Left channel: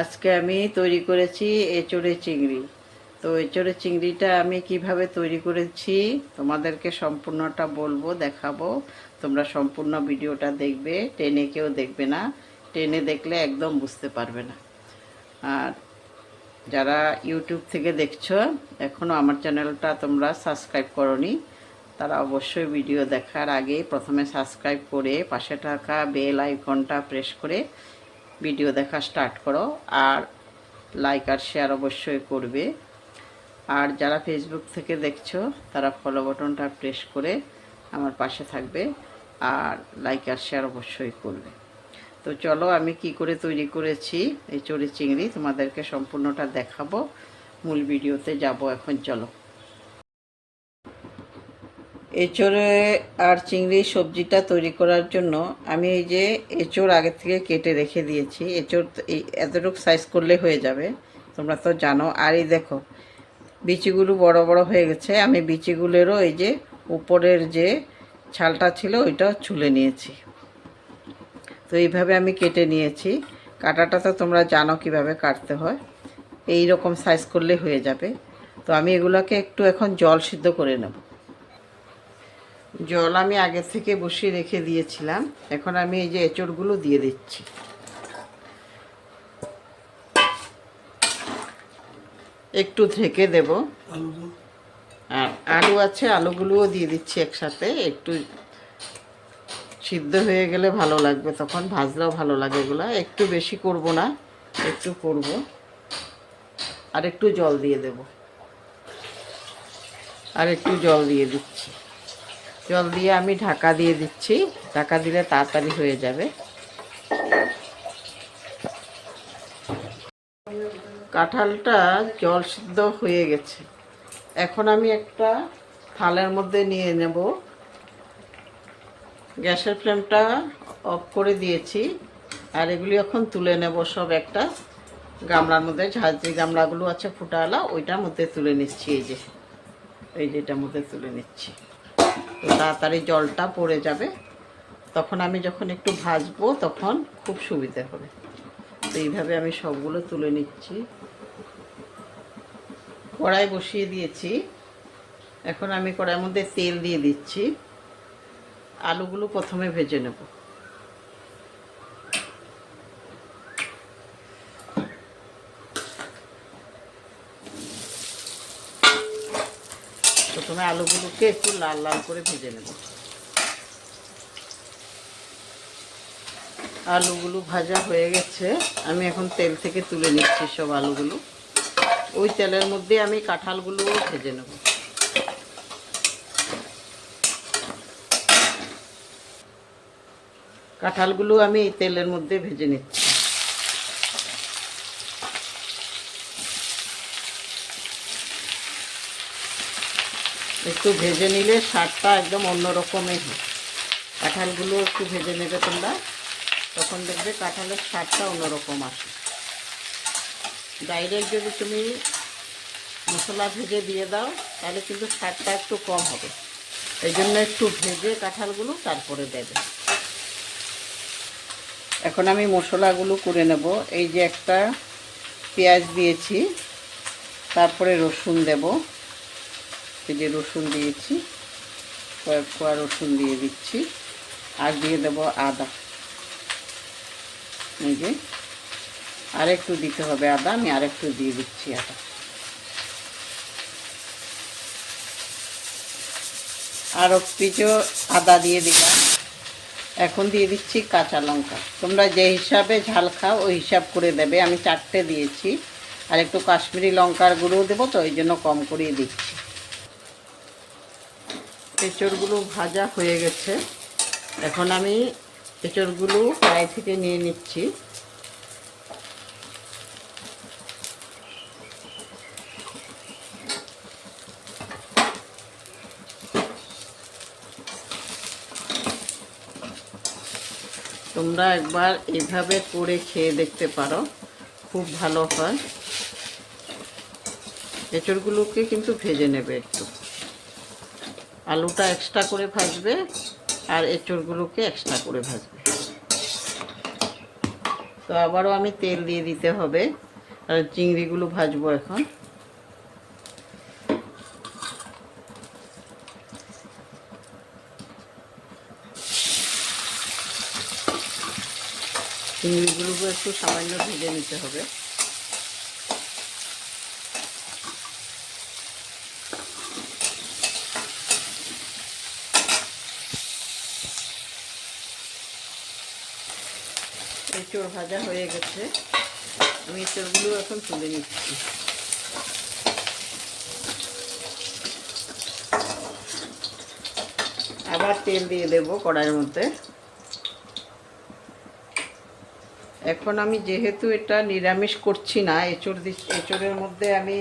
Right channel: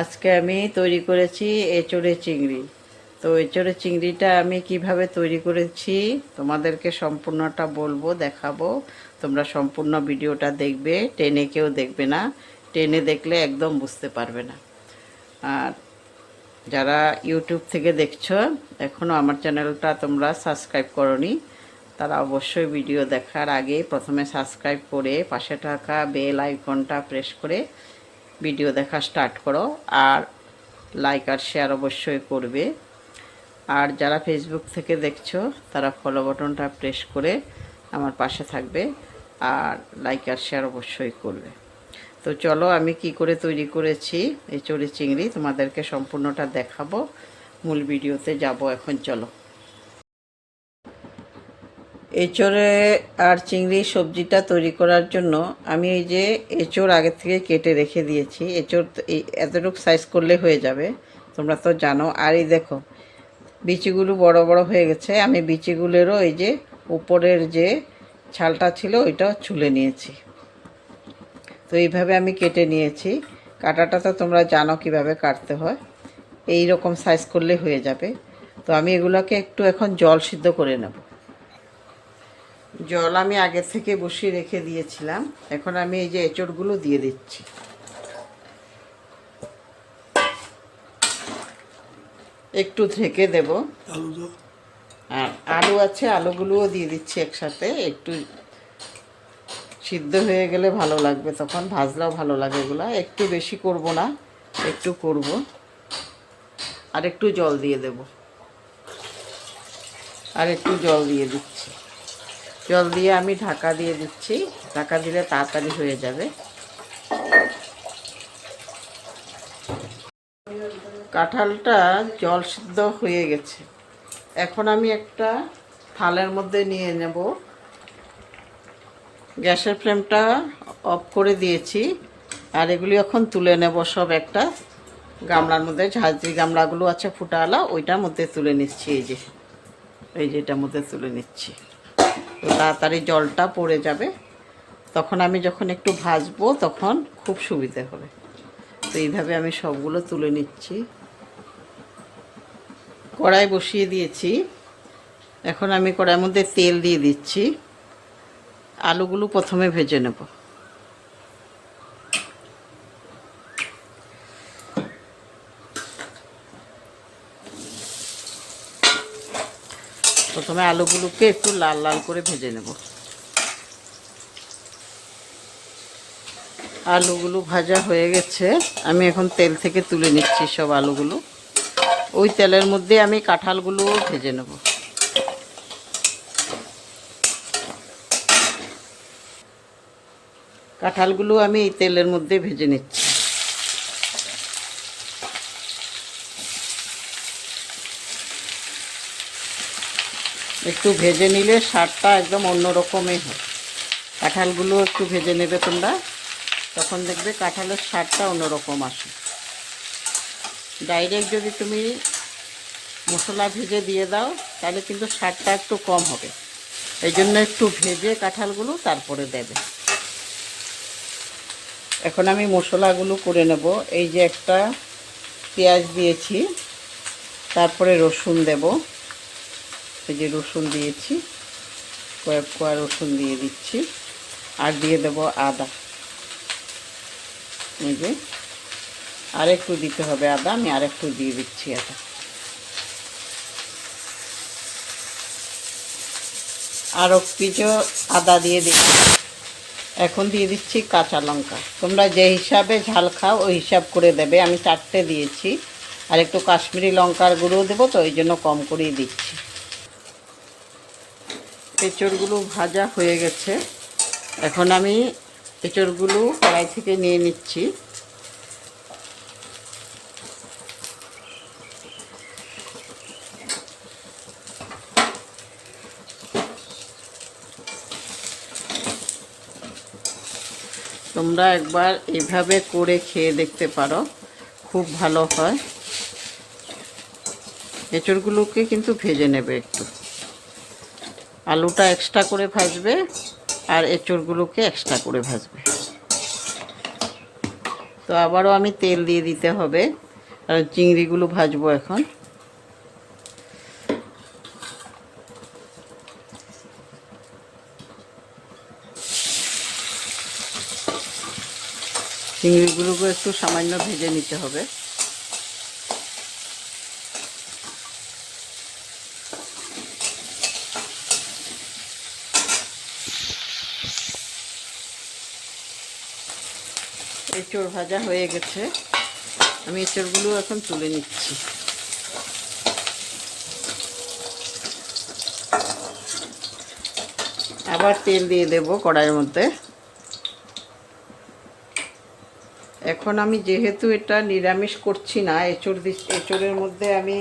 আজকে আমি তৈরি করেছি এঁচোড়ে চিংড়ি। তো এঁচোড়ে চিংড়িটা আমি কিভাবে তৈরি করেছি তোমাদেরকে সম্পূর্ণটা বলবো, দেখাবো। তোমরা সম্পূর্ণ ভিডিওটা দেখবে, টেনে কেউ দেখবে না। টেনে দেখলে একদম বুঝতে পারবে না। আর যারা ইউটিউব থেকে দেখছো, এখনও আমার চ্যানেলটা তোমরা সাবস্ক্রাইব করোনি, তারা অবশ্যই ভিডিও দেখার আগে প্রথমে সাবস্ক্রাইব করে পাশে থাকা বেল আইকনটা প্রেস করে ভিডিও দেখা স্টার্ট করো। আর লাইক আর শেয়ার অবশ্যই করবে। আর যারা ফেসবুক থেকে দেখছো তারা ফলো বাটনটা প্রেস করে আমার পাশে থাকবে আর লাইক আর শেয়ার অবশ্যই করবে। তো চলো আমি কি করে তৈরি করেছি এঁচোড়ে চিংড়ি তোমাদেরকে সম্পূর্ণটা দেখাবো। মূল ভিডিওতে যাব এখন। চলো, এঁচোড়ে আর চিংড়ি সবজিটা তৈরি করার জন্য আমি এই যে এঁচোড় আগে থেকে কেটে রেখে দিয়েছি। এঁচোড় এতটুকু সাইজ করলে হয়ে যাবে, তোমরা তো জানো। আর এই দেখো বিচিগুলো বড় বড় হয়ে গেছে। আমি বিচিগুলোরও এই যে উপরের যে ছালটা ছিল ওইটাও ছুলে নিয়েছি। তো এইভাবে আমি কেটে নিয়েছি। কাটাটা তো তোমরা জানো কিভাবে কাটতে হয়। এই রকম সাইজ করলে হয়ে যাবে। তো আমি এগুলোকে একটু এখন জল সিদ্ধ করে নেব। জল আমি আগে থেকে বসিয়ে রেখে দিয়েছিলাম। এখন আমি এই যে এঁচোড়গুলো দিয়ে দিচ্ছি। একটু ঢেকে দেব। আর আলু আছে, আলুগুলোও দিয়ে দিচ্ছি একসাথে। একটু সিদ্ধ হয়ে গেলে ভালো লাগবে, তখন ভাজলেও ভালো লাগে। এগুলো একটু বেশি করব না, একটু করব। আর একটু জল দিয়ে দেব। আর একটু জল দিয়ে দিচ্ছি। জল দিয়ে আমি ঢাকা দিয়ে দিচ্ছি। ঢাকা দিলে তাড়াতাড়ি হয়ে যাবে। কাঁঠালটা জল সিদ্ধ হয়ে গেছে। এখন আমি একটা থালের মধ্যে নিয়ে নেব। গ্যাসের ফ্লেমটা অফ করে দিয়েছি। আর এগুলি এখন তুলে নেব সব একটা গামলার মধ্যে। ঝাঁঝরি গামলাগুলো আছে ফুটাওয়ালা, ওইটার মধ্যে তুলে নিচ্ছি। এই যে এটার মধ্যে তুলে নিচ্ছি। তো তাড়াতাড়ি জলটা পড়ে যাবে, তখন আমি যখন একটু ভাজবো তখন খুব সুবিধা হবে। তো এইভাবে আমি সবগুলো তুলে নিচ্ছি। কড়াই বসিয়ে দিয়েছি। এখন আমি কড়াইয়ের মধ্যে তেল দিয়ে দিচ্ছি। আলুগুলো প্রথমে ভেজে নেব। প্রথমে আলুগুলোকে একটু লাল লাল করে ভেজে নেব। আলুগুলো ভাজা হয়ে গেছে। আমি এখন তেল থেকে তুলে নিচ্ছি সব আলুগুলো। ওই তেলের মধ্যে আমি কাঁঠালগুলো ভেজে নেব। কাঁঠালগুলো আমি এই তেলের মধ্যে ভেজে নিচ্ছি। একটু ভেজে নিলে স্বাদটা একদম অন্যরকমই হয়। কাঁঠালগুলো একটু ভেজে নেবে তোমরা, তখন দেখবে কাঁঠালের স্বাদটা অন্যরকম আসে। ডাইরেক্ট যদি তুমি মশলা ভেজে দিয়ে দাও তাহলে কিন্তু স্বাদটা একটু কম হবে। এই জন্য একটু ভেজে কাঁঠালগুলো তারপরে দেবে। এখন আমি মশলাগুলো করে নেব। এই যে একটা পেঁয়াজ দিয়েছি, তারপরে রসুন দেব। এই যে রসুন দিয়েছি, কয়েক কোয়া রসুন দিয়ে দিচ্ছি। আর দিয়ে দেব আদা। এই যে আর একটু দিতে হবে আদা, আমি আর একটু দিয়ে দিচ্ছি আদা। আরও কিছু আদা দিয়ে দিলাম। এখন দিয়ে দিচ্ছি কাঁচা লঙ্কা। তোমরা যে হিসাবে ঝাল খাও ওই হিসাব করে দেবে। আমি 4টে দিয়েছি। আর একটু কাশ্মীরি লঙ্কার গুঁড়ো দেবো, তো ওই জন্য কম করেই দিচ্ছি। এঁচড়গুলো ভাজা হয়ে গেছে। এখন আমি এঁচড়গুলো কড়াই থেকে নিয়ে নিচ্ছি। তোমরা একবার এভাবে করে খেয়ে দেখতে পারো, খুব ভালো হয়। এঁচড়গুলোকে কিন্তু ভেজে নেবে একটু। আলুটা এক্সট্রা করে ভাজবে আর এঁচড়গুলোকে এক্সট্রা করে ভাজবে। তো তো আবারও আমি তেল দিয়ে দিতে হবে, আর চিংড়িগুলো ভাজবো এখন। চিংড়িগুলোকে একটু সামান্য ভেজে নিতে হবে। এঁচড় ভাজা হয়ে গেছে, আমি এঁচড়গুলো এখন তুলে নিচ্ছি। আবার তেল দিয়ে দেব কড়াইয়ের মধ্যে। এখন আমি যেহেতু এটা নিরামিষ করছি না, এঁচড়ের মধ্যে আমি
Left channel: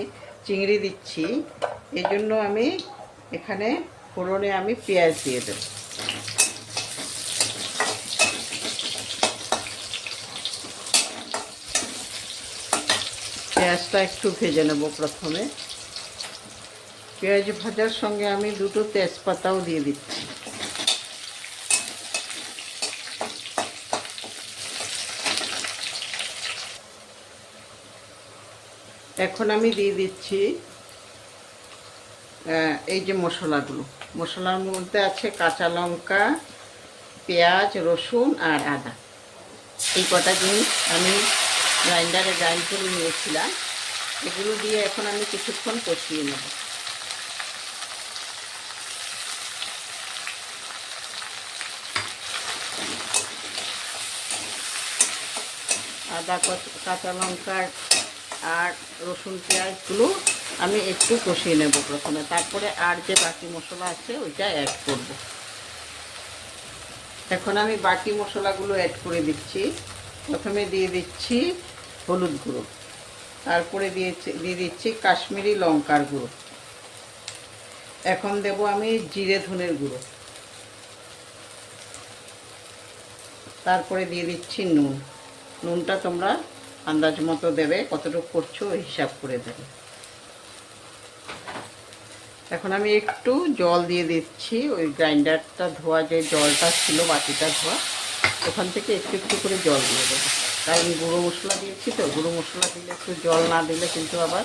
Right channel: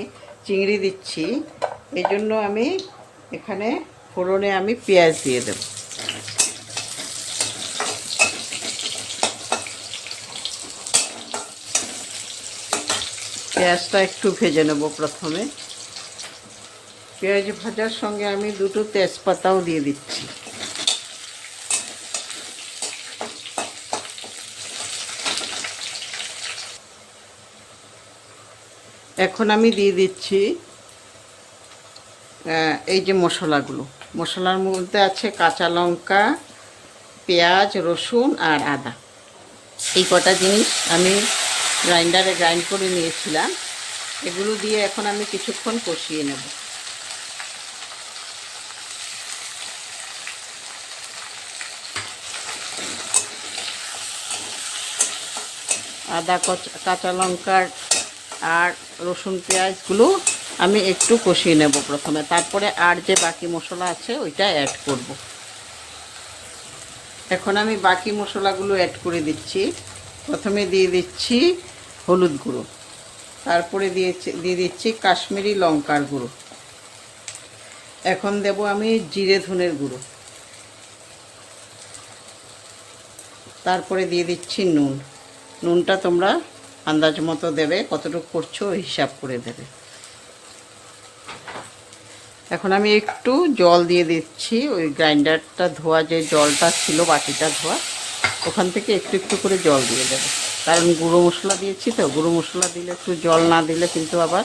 চিংড়ি দিচ্ছি, এজন্য আমি এখানে ফোড়নে আমি পেঁয়াজ দিয়ে দেব। পেঁয়াজটা একটু ভেজে নেব প্রথমে। পেঁয়াজ ভাজার সঙ্গে আমি দুটো তেজপাতাও দিয়ে দিচ্ছি। এখন আমি দিয়ে দিচ্ছি এই যে মশলাগুলো। মশলার মধ্যে আছে কাঁচা লঙ্কা, পেঁয়াজ, রসুন আর আদা। এই কটা জিনিস আমি গ্রাইন্ডারে গ্রাইন্ড করে নিয়েছিলাম। এগুলো দিয়ে এখন আমি কিছুক্ষণ কষিয়ে নেব। আদা, কাঁচা লঙ্কার আর রসুন পেঁয়াজগুলো আমি একটু কষিয়ে নেব প্রথমে, তারপরে আর যে বাকি মশলা আছে ওইটা অ্যাড করব। এখন আমি বাকি মশলাগুলো অ্যাড করে দিচ্ছি। প্রথমে দিয়ে দিচ্ছি হলুদ গুঁড়ো, তারপরে দিয়ে দিচ্ছি কাশ্মীরি লঙ্কার গুঁড়ো, এখন দেব আমি জিরে ধনের গুঁড়ো, তারপরে দিয়ে দিচ্ছি নুন। নুনটা তোমরা আন্দাজ মতো দেবে, কতটুকু করছো হিসাব করে দেবে। এখন আমি একটু জল দিয়ে দিচ্ছি, ওই গ্রাইন্ডারটা ধোয়া যে জলটা ছিল, বাটিটা ধোয়া, ওখান থেকে একটু একটু করে জল দিয়ে দেবো। কারণ গুঁড়ো মশলা দিয়েছি তো, গুঁড়ো মশলা দিলে একটু জল না দিলে কিন্তু আবার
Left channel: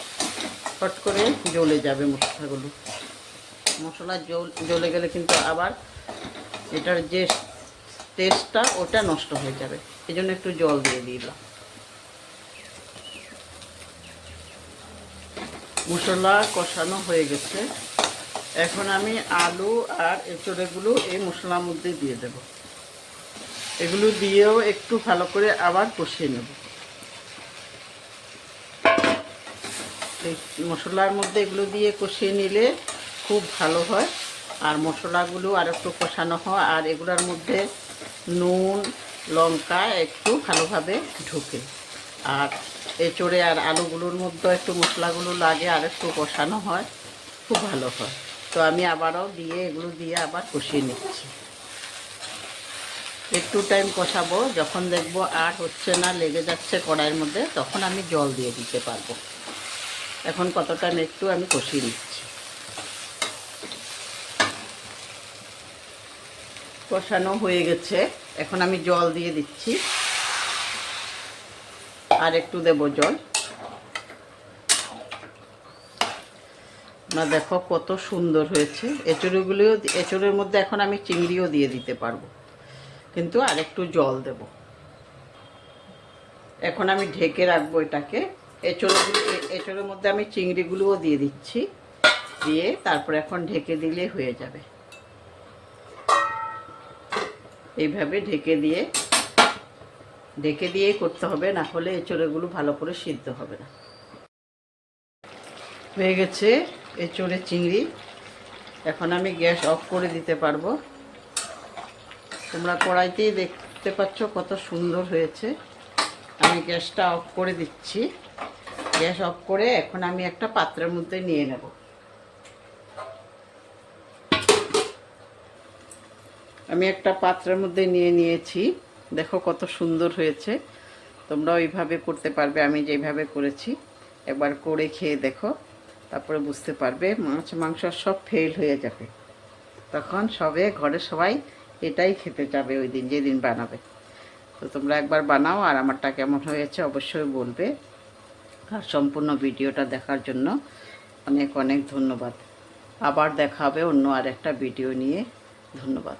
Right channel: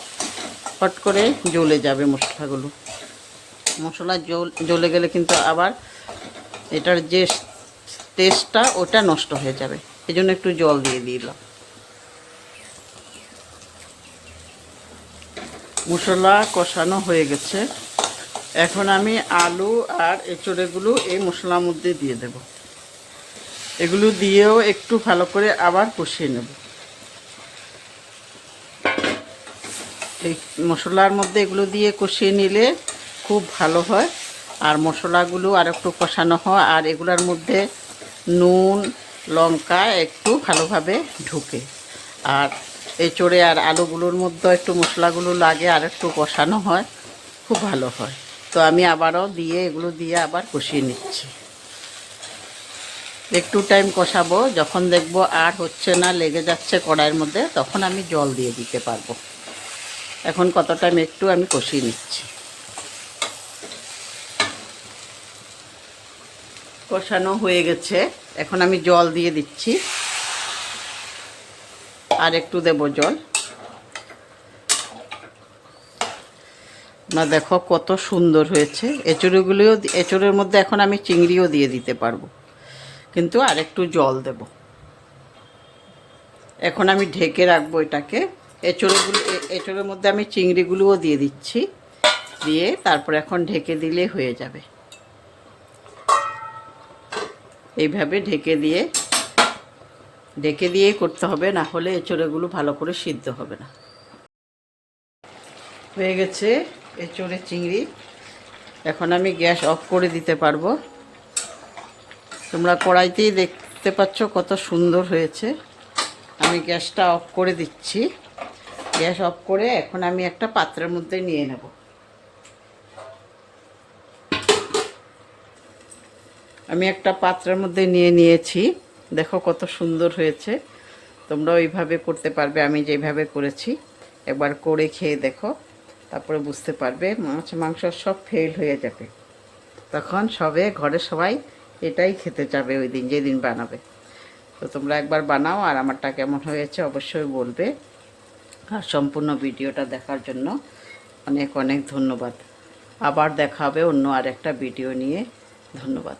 হট করে জ্বলে যাবে মশলাগুলো। মশলা জ্বলে গেলে কিন্তু আবার এটার যে টেস্টটা ওটা নষ্ট হয়ে যাবে, এই জন্য একটু জল দিয়ে দিলাম। মশলা কষানো হয়ে গেছে, এখন আমি আলু আর এঁচড়গুলো এই মশলার মধ্যে দিয়ে দেব। এগুলো দিয়েও একটু ভালো করে আবার কষিয়ে নেব। এই মশলার মধ্যে এগুলো দিয়ে কষিয়ে নিলে খুব ভালো হয়, আর মশলাগুলো আর একটু কষানো হয়, আর এগুলোর মধ্যে নুন লঙ্কা একটু ভালোভাবে ঢুকে, আর এঁচড়ে আর আলুগুলোর মধ্যে একটু মশলাগুলো লাগে, আর একটু কষানো হয়, খুব ভালো হয়। তো আমি আবারও এগুলো দিয়ে আবার কষিয়ে নিচ্ছি। একটু টাইম কষাবো, যখন দেখবো আর হচ্ছে না, লেগে যাচ্ছে কড়াইয়ের মধ্যে, তখন আমি জল দিয়ে দিতে পারবো। এখন কত টাইম একটু আমি কষিয়ে নিচ্ছি। কষানো হয়ে গেছে, এখন আমি জল দিয়ে দিচ্ছি, আর একটু দেব জল। না দেখো কত সুন্দর হয়েছে। এঁচড়ের মধ্যে এখন আমি চিংড়িও দিয়ে দিতে পারবো, কিন্তু আর একটু জল দেব। এখন আমি ঢেকে রাখবো এটাকে। এঁচড়ের মধ্যে আমি চিংড়িগুলোও দিয়ে দিচ্ছি, দিয়ে তারপর এখন ঢেকে দিলে হয়ে যাবে। এইভাবে ঢেকে দিয়ে করতে হবে, না হলে এঁচড়গুলো ভালো করে সিদ্ধ হবে না। হয়ে গেছে এঁচড়ের চিংড়ি, এখন আমি গ্যাস অফ করে দিতে পারবো। তোমরা কড়াইতেই দেখতে পাচ্ছ কত সুন্দর হয়েছে। আমি গ্যাসটা অফ করে দিচ্ছি। গ্যাস অফ করে এখন আমি একটা পাত্রের মধ্যে নিয়ে নেব। আমি একটা পাত্রের মধ্যে নিয়েছি, দেখো কত সুন্দর হয়েছে। তোমরা ওইভাবে করতে পারবে, আমি যেভাবে করেছি। একবার করে খেয়ে দেখো, তারপরে বুঝতে পারবে। মাংস সব ফেল হয়ে যাবে, তখন ঘরের সবাই এটাই খেতে যাবে ওই দিন, যেদিন বানাবে। তো তোমরা একবার বানাও, আর আমারটা কেমন হয়েছে অবশ্যই বলবে। আর সম্পূর্ণ ভিডিওটা দেখার জন্য অনেক অনেক ধন্যবাদ। আবার দেখা হবে অন্য আর একটা ভিডিও নিয়ে। ধন্যবাদ।